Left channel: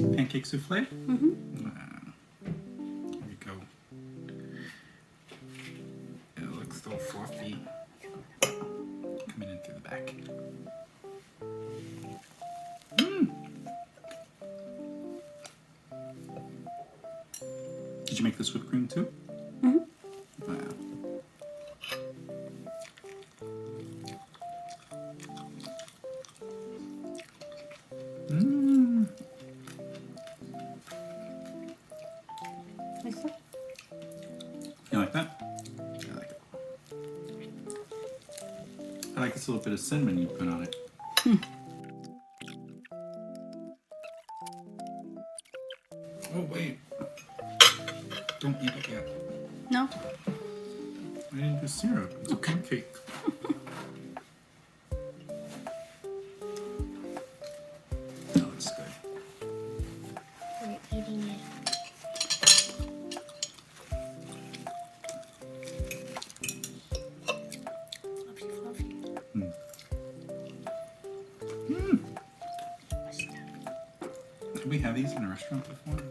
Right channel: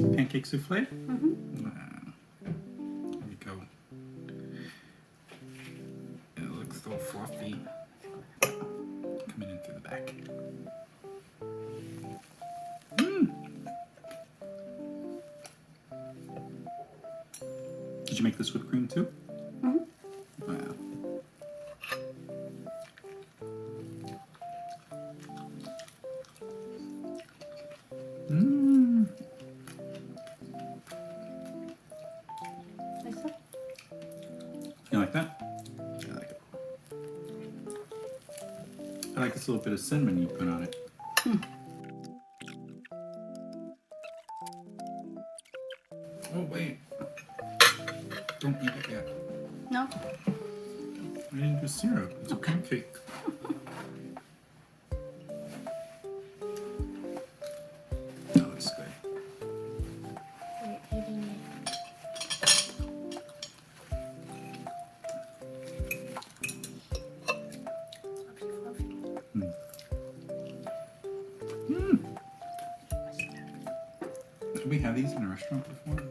pancake souffle? Mm-hmm. Here we go. It looks so fluffy. Coming in through the back. Did you make this whipped cream too? Mm-hmm. Wow. You like that? I like it. I like this little bit of cinnamon you put on it. Oh wait. Don't eat it yet. No? I need the syrup. It's a pancake. That looks good. Did we have these in a restaurant before?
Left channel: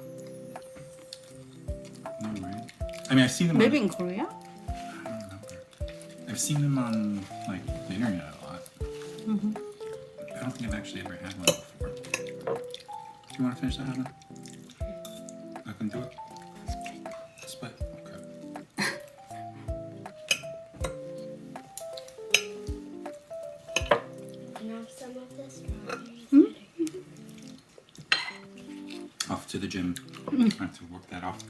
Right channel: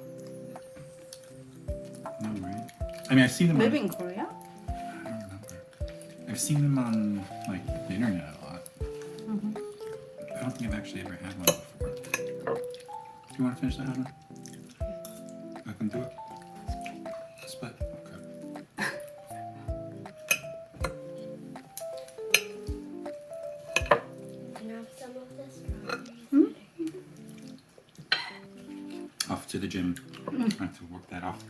No, right? I mean, I've seen them. Maybe in Korea? I don't remember. I've seen them on like the internet a lot. Mm-hmm. I don't think I've actually ever had one before. Do you want to finish that, Hannah? I can do it. Split. Okay. Can I have some of this? Off to the gym. I have to work that off.